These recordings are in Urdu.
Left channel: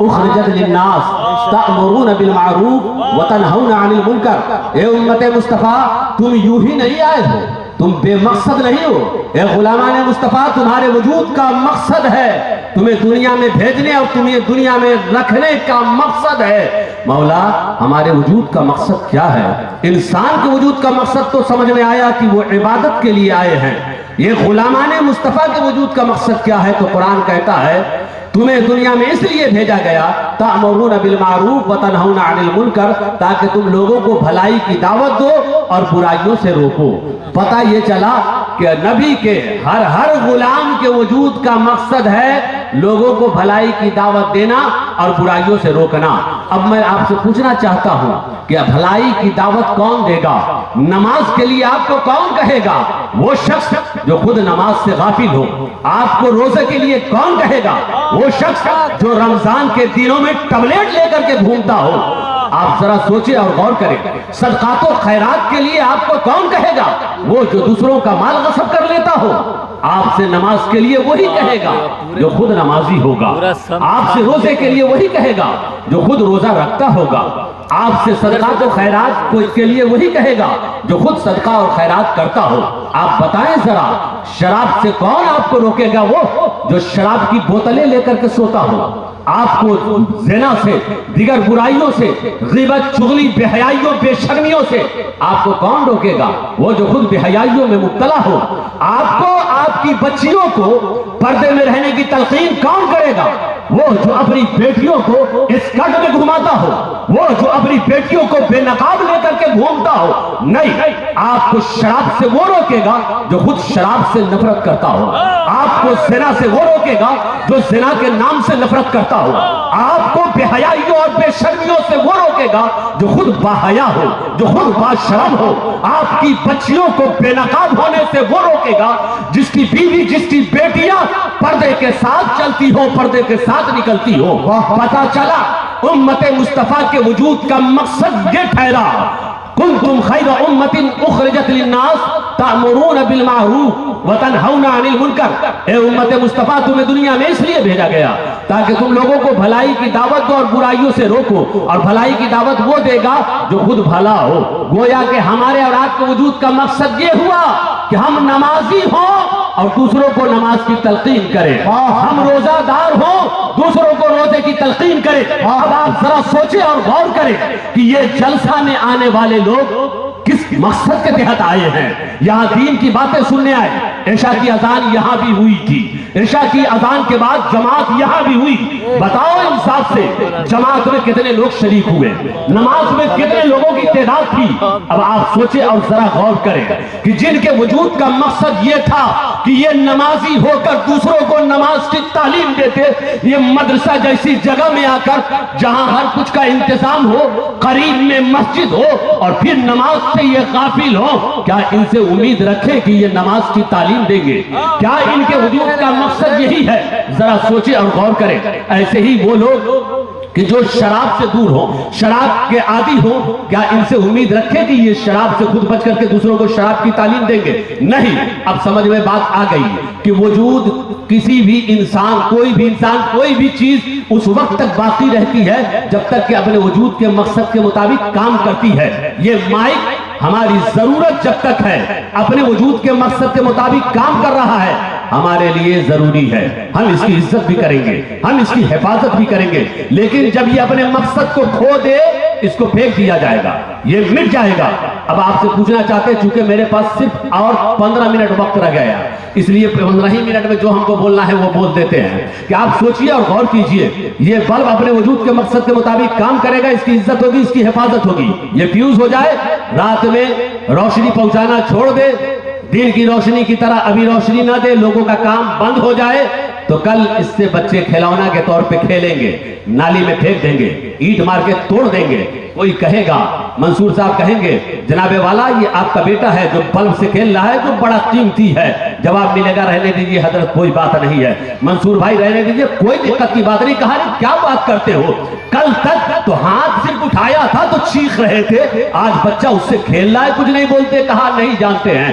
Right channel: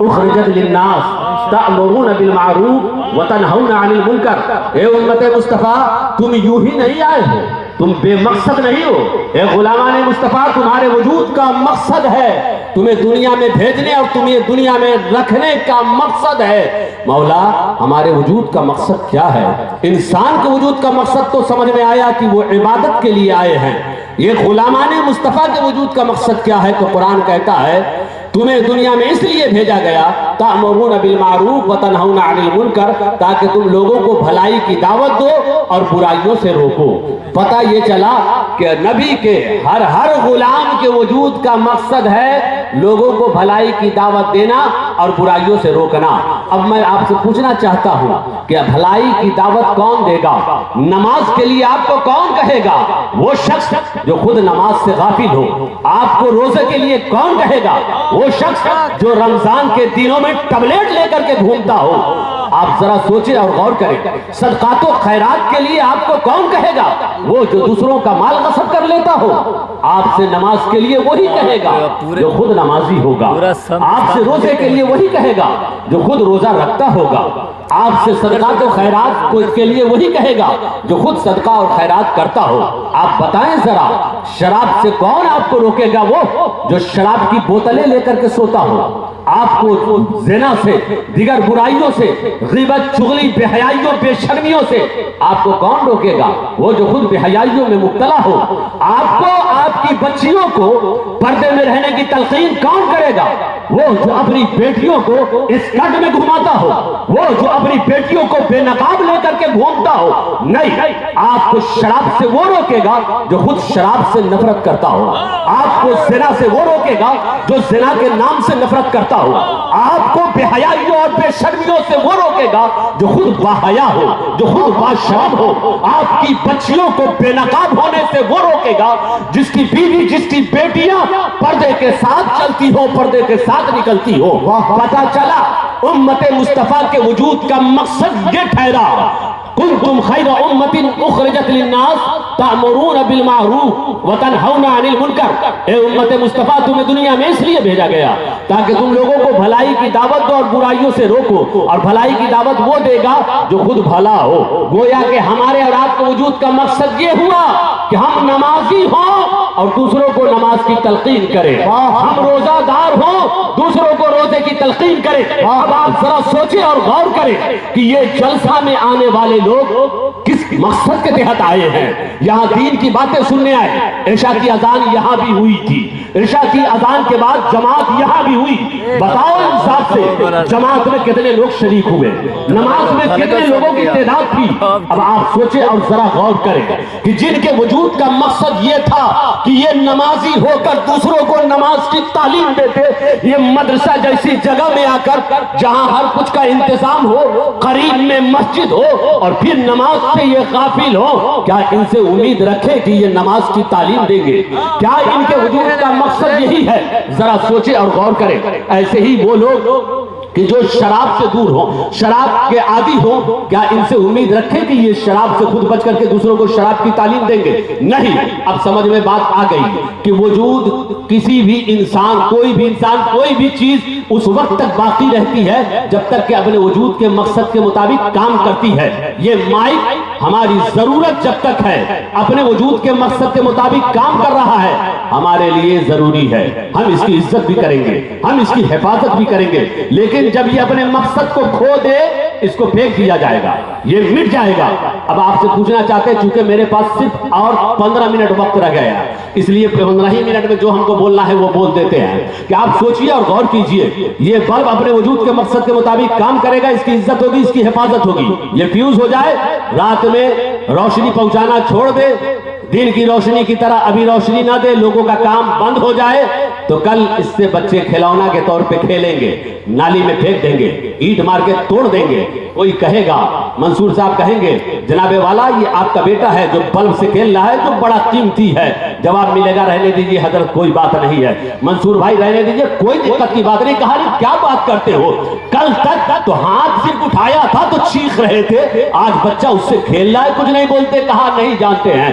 اخرجت للناس تأمرون بالمعروف وتنہون عن المنکر۔ اے امت مصطفیٰ تم یوں ہی نہیں آئے ہو، تم بے مقصد نہیں ہو۔ اے غلامان مصطفیٰ تمہارے وجود کا مقصد ہے، تمہیں دنیا میں بھیجنے اور تمہیں دنیا میں رکھنے کا مقصد ہے۔ مولا ہمارے وجود کا مقصد کیا ہے؟ انسان کے وجود کا مقصد تو سمجھ میں آیا کہ وہ عبادت کے لیے آئے ہیں، یہ غلامان مصطفیٰ کے وجود کا مقصد کیا ہے؟ تو قرآن کہتا ہے تمہیں دنیا میں اس لیے بھیجا گیا تأمرون بالمعروف وتنہون عن المنکر، تاکہ تم لوگوں کو بھلائی کی دعوت دو اور برائیوں سے روکو۔ پتہ یہ چلا کہ نبی کے ہر غلام کے وجود کا مقصد ہے لوگوں کو بھلائی کی دعوت دینا اور برائیوں سے روکنا۔ اب میں آپ سے پوچھنا چاہتا ہوں کہ بھلائی کی دعوت کون دے گا؟ نماز کے لیے آپ کو کون کہے گا؟ وہ شخص جو خود نماز سے غافل ہو۔ آپ کو روزے کے لیے کون کہے گا؟ وہ شخص جو رمضان کے دنوں میں ٹبلیٹ لے کر کے گھومتا ہو۔ آپ ذرا سوچیں اور غور کریں، صدقات و خیرات کے لیے آپ کو کون کہے گا؟ وہ جو دوسروں کا مال غصب کر لیتا ہو۔ آپ سے نماز کے لیے وہی کہے گا جو خود نمازی ہوگا۔ آپ سے روزے کے لیے وہی کہے گا جو خود روزہ رکھتا ہوگا۔ آپ سے صدقات و خیرات کے لیے وہی کہے گا جو خود صدقہ اور خیرات کرتا ہو۔ آپ بتائیں ذرا شراب سے کون آپ کو روکے گا؟ وہ جو شراب کی بوتلیں لے کر کے سوتا ہو۔ آپ کو زنا سے، دیگر برائیوں سے، غیبت، چغلی، بے حیائیوں، بے شرمیوں سے آپ کو کون روکے گا؟ وہ جو خود بے حیائیوں میں مبتلا ہو۔ آپ کو، آپ کی بچیوں کو پردے میں رہنے کی تلقین کون کرے گا؟ وہ جو اپنی بیٹیوں کو اسکرٹ میں گھماتا ہو، وہ جو اپنی بیٹیوں کو بے نقاب لے کر کے گھومتا ہو۔ نہیں، آپ کو شراب سے وہ روکے گا جو خود شراب سے نفرت کرتا ہو۔ آپ کو زنا سے وہ روکے گا جو زنا کے نام سے نفرت کرتا ہو۔ آپ کو بے حیائیوں اور بے شرمیوں سے وہ روکے گا جو خود باحیا ہو، جو خود باشرم ہو۔ آپ کی بچیوں کو بے نقاب ہونے سے وہ روکے گا جس کی بیوی، جس کی بیٹیاں پردے کے ساتھ چلتی ہو، پردے کے ساتھ نکلتی ہو۔ پتہ چلا امت مصطفیٰ کے وجود کا مقصد یہ ٹھہرا، کنتم خیر امت اخرجت للناس تأمرون بالمعروف وتنہون عن المنکر۔ اے امت مصطفیٰ تمہیں دنیا میں اس لیے بھیجا گیا تاکہ تم لوگوں کو بھلائی کی دعوت دو اور برائیوں سے روکو، اور بھلائی کی دعوت وہ دے گا جو خود بھلا ہو۔ گویا کہ ہمارے اور آپ کے وجود کا مقصد یہ ہوا کہ ہم نمازی ہوں اور دوسروں کو نماز کی تلقین کریں، ہم روزہ دار ہوں، دوسروں کو روزے کی تلقین کریں۔ اب آپ ذرا سوچیں اور غور کریں کہ یہ جلسہ میں آنے والے لوگ کس مقصد کے تحت آئے ہیں؟ یہاں دین کی باتیں سننے آئے۔ عشاء کی اذان یہاں بھی ہوئی تھی، عشاء کی اذان کے بعد جماعت یہاں بھی ہوئی۔ بتاؤ انصاف سے جماعت میں کتنے لوگ شریک ہوئے؟ نماز میں کتنے لوگوں کی تعداد تھی؟ اب آپ سوچیں اور ذرا غور کریں کہ جن کے وجود کا مقصد یہ تھا کہ یہ نمازی ہو کر دوسروں کو نماز کی تعلیم دیتے، یہ مدرسہ جیسی جگہ میں آ کر جہاں ہر کچھ کا انتظام ہو، قریب میں مسجد ہو، اور پھر نماز سے یہ غافل ہو، کیا ان سے امید رکھے کہ یہ نماز کی تعلیم دیں گے؟ کیا ان کے وجود کا مقصد یہی ہے؟ ذرا سوچیں اور غور کریں۔ ایسے ہی وہ لوگ کہ جو شراب سے دور ہوں، شراب کے عادی ہوں، کیا ان سے امید رکھے کہ یہ شراب سے خود بچ کر کے دوسروں کو شراب کی تعلیم دیں گے؟ نہیں۔ اب سمجھ میں بات آ گئی کہ وجود کسی بھی انسان، کوئی بھی انسان، کوئی بھی چیز اس وقت تک باقی رہتی ہے جب تک کہ اپنے وجود کے مقصد کے مطابق کام کرتی ہے۔ یہ مائک ہماری ضرورت جب تک ہے، اپنے وجود کے مقصد کے مطابق کام کر رہا ہے، ہمارے لیے ضروری ہے۔ ہم اس کی عزت بھی کریں گے، ہم اس کی حفاظت بھی کریں گے، لیکن جب یہ اپنے مقصد کو کھو دے اس کو پھینک دیا جائے گا، یہ مٹ جائے گا۔ اب آپ سے پوچھنا چاہتے ہیں، چونکہ میرے پاس صرف اور 15 منٹ وقت رہ گیا، اس لیے 15 ہی منٹ میں جو ہم کو بولنا ہے وہ بول دیتے ہیں کہ آپ سوچئے اور غور کیجئے۔ یہ بلب اپنے وجود کے مقصد کے مطابق کام کرے گا، اس کی عزت ہوگی، اس کی حفاظت ہوگی۔ یہ فیوز ہو جائے، رات میں روشنی پہنچانا چھوڑ دے، دن کی روشنی کی طرح ابھی روشنی نہ دے، لوگوں کا کام بند ہو جائے، تو کل اس سے بچے کھلونا کے طور پہ کھیلیں گے، نالی میں پھینک دیں گے، اینٹ مار کے توڑ دیں گے۔ کوئی کہے گا، منصور صاحب کہیں گے، جناب والا یہ آپ کا بیٹا ہے جو بلب سے کھیل رہا ہے، جو بڑا قیمتی ہے۔ جواب ملے گا، رہنے دیجیے حضرت، کوئی بات نہیں ہے، منصور بھائی رہنے دیجیے، کوئی دقت کی بات نہیں۔ کہا نہیں، کیا بات کرتے ہو، کل تک تو ہاتھ صرف اٹھایا تھا تو چیخ رہے تھے، آج بچہ اس سے کھیل رہا ہے کچھ نہیں بولتے۔ کہا نہیں جانتے ہیں،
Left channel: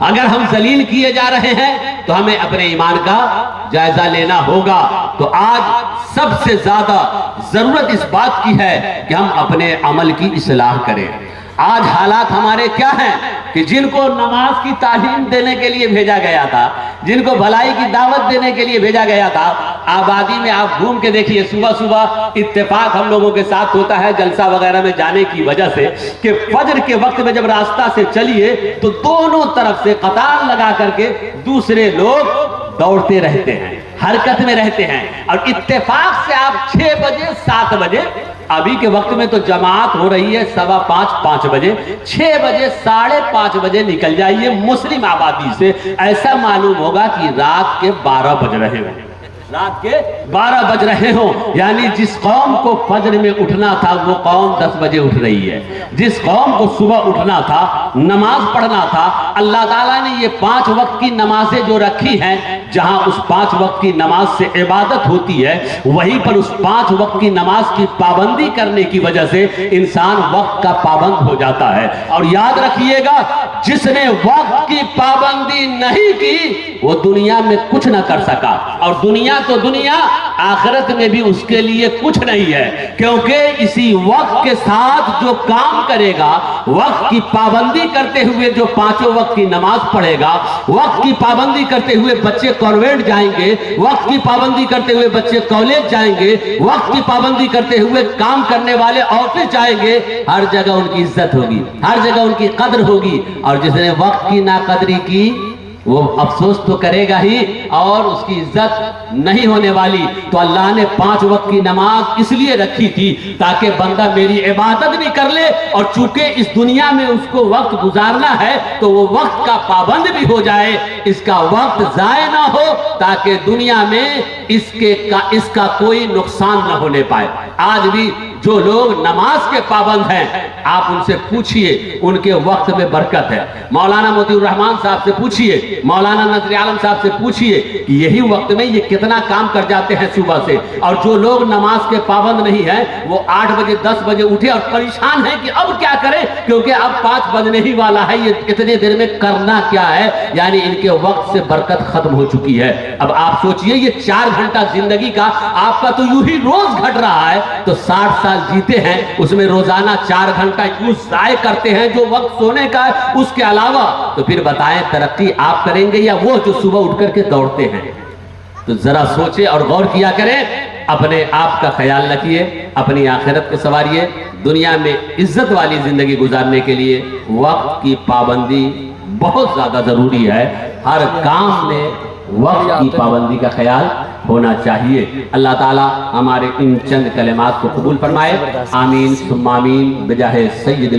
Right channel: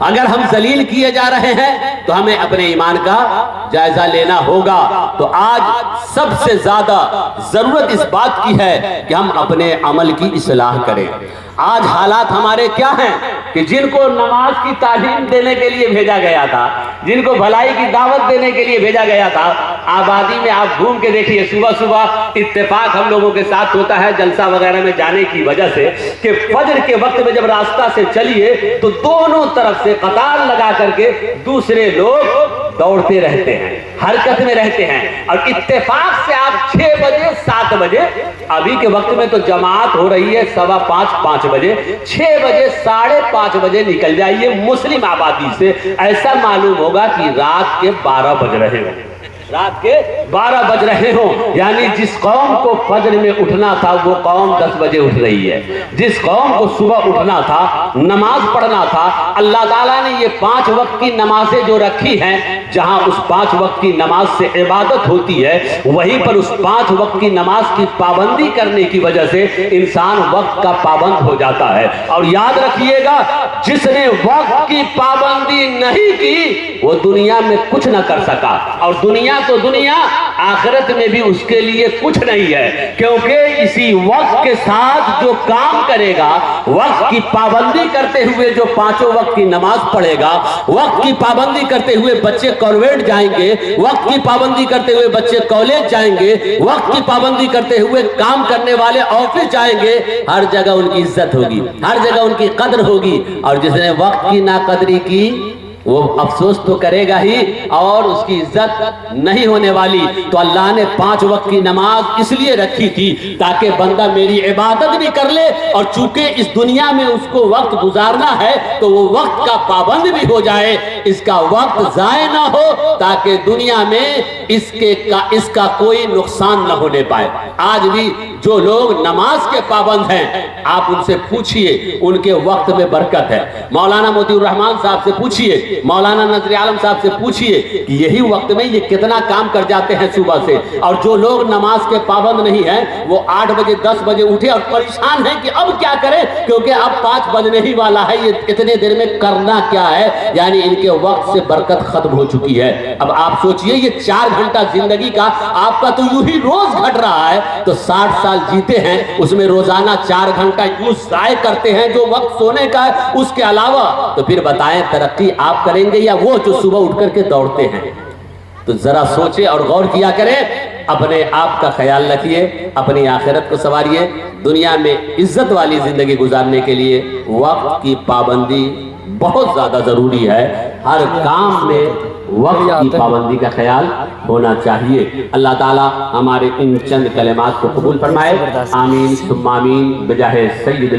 اگر ہم ذلیل کیے جا رہے ہیں تو ہمیں اپنے ایمان کا جائزہ لینا ہوگا. تو آج سب سے زیادہ ضرورت اس بات کی ہے کہ ہم اپنے عمل کی اصلاح کریں. آج حالات ہمارے کیا ہیں کہ جن کو نماز کی تعلیم دینے کے لیے بھیجا گیا تھا, جن کو بھلائی کی دعوت دینے کے لیے بھیجا گیا تھا, آبادی میں آپ گھوم کے دیکھیے, صبح صبح اتفاق ہم لوگوں کے ساتھ ہوتا ہے جلسہ وغیرہ میں جانے کی وجہ سے کہ فجر کے وقت میں جب راستہ سے چلیے تو دونوں طرف سے قطار لگا کر کے دوسرے لوگ دوڑتے رہتے ہیں, حرکت میں رہتے ہیں, اور اتفاق سے آپ 6 بجے 7 بجے, ابھی کے وقت میں تو جماعت ہو رہی ہے 5:15 بجے, 6 بجے 5:30 بجے نکل جائیے مسلم آبادی سے, ایسا معلوم ہوگا کہ رات کے 12 بج رہے ہوں, رات کے 12 بج رہے ہوں. یعنی جس قوم کو فجر میں اٹھنا تھا وہ قوم 10 بجے اٹھ رہی ہے. جس قوم کو صبح اٹھنا تھا, نماز پڑھنا تھا, اللہ تعالیٰ نے یہ 5 وقت کی نمازیں جو رکھی ہیں, جہاں اس 5 وقت کی نماز سے عبادت ہوتی ہے, وہیں پر اس 5 وقت کی نماز کی پابندی کرنے کی وجہ سے انسان وقت کا پابند ہو جاتا ہے. اور یاد رکھیے گا, جس نے وقت کی پابندی نہیں کی وہ دنیا میں کچھ نہ کر سکا, اور دنیا تو دنیا, آخرت میں بھی اس کے لیے کچھ نہیں ہے, کیونکہ اسی وقت کے ساتھ جو کام کرے گا, وقت کی پابندی کرتے ہوئے جو 5 وقت کی نماز پڑھے گا, وقت کی پابندی کرتے ہوئے بچے کانوینٹ جائیں گے, وقت کی پابندی کرتے ہوئے بچے کالج جائیں گے, وقت کی پابندی کرتے ہوئے کام کرنے والے آفس جائیں گے, ہر جگہ ان کی عزت ہوگی, ہر جگہ ان کی قدر ہوگی. اور جس نے وقت کی ناقدری کی وہ افسوس تو کرے گا ہی, اور اس کی عزت نہیں ہونے والی. تو اللہ نے 5 وقت کی نماز اس لیے رکھی تھی تاکہ بندہ میری عبادت بھی کر لے, اور چونکہ اس دنیا میں اس کو وقت گزارنا ہے تو وہ وقت کا پابند بھی ہو جائے, اس کا وقت ضائع نہ ہو, تاکہ دنیا میں اس کا کوئی نقصان نہ ہونے پائے. آج بھی جو لوگ نماز کے پابند ہیں, آپ ان سے پوچھئے, ان کے وقت میں برکت ہے. مولانا موتی الرحمان صاحب سے پوچھئے, مولانا نظر عالم صاحب سے پوچھئے کہ یہی وقت میں یہ کتنا کام کر جاتے ہیں صبح سے. اور جو لوگ نماز کے پابند نہیں ہیں وہ 8 بجے 10 بجے اٹھے اور پریشان ہیں کہ اب کیا کریں, کیونکہ اب 5 بجنے ہی والا ہے, یہ اتنے دیر میں کرنا کیا ہے. یعنی ان کے وقت سے برکت ختم ہو چکی ہے. اب آپ سوچئے, یہ 4 گھنٹہ زندگی کا آپ کا تو یوں ہی روز گھٹ رہا ہے, تو 60 سال جیتے ہیں, اس میں روزانہ 4 گھنٹہ یوں ضائع کرتے ہیں جو وقت سونے کا ہے اس کے علاوہ, تو پھر بتائیں ترقی آپ کریں گے یا وہ جو صبح اٹھ کر کے دوڑتے ہیں؟ تو ذرا سوچیں اور غور کیا کریں. اپنے آپ کا خیال رکھیے, اپنی آخرت کو سنوارئے. دنیا میں عزت والی زندگی گزارنے کے لیے وقت کی پابندی بہت زیادہ ضروری ہے. ہر کام میں وقت کی پابندی کا خیال ہونا چاہیے. اللہ تعالیٰ ہمارے ان چند کلمات کو قبول فرمائے. آمین ثم آمین بجاہ سید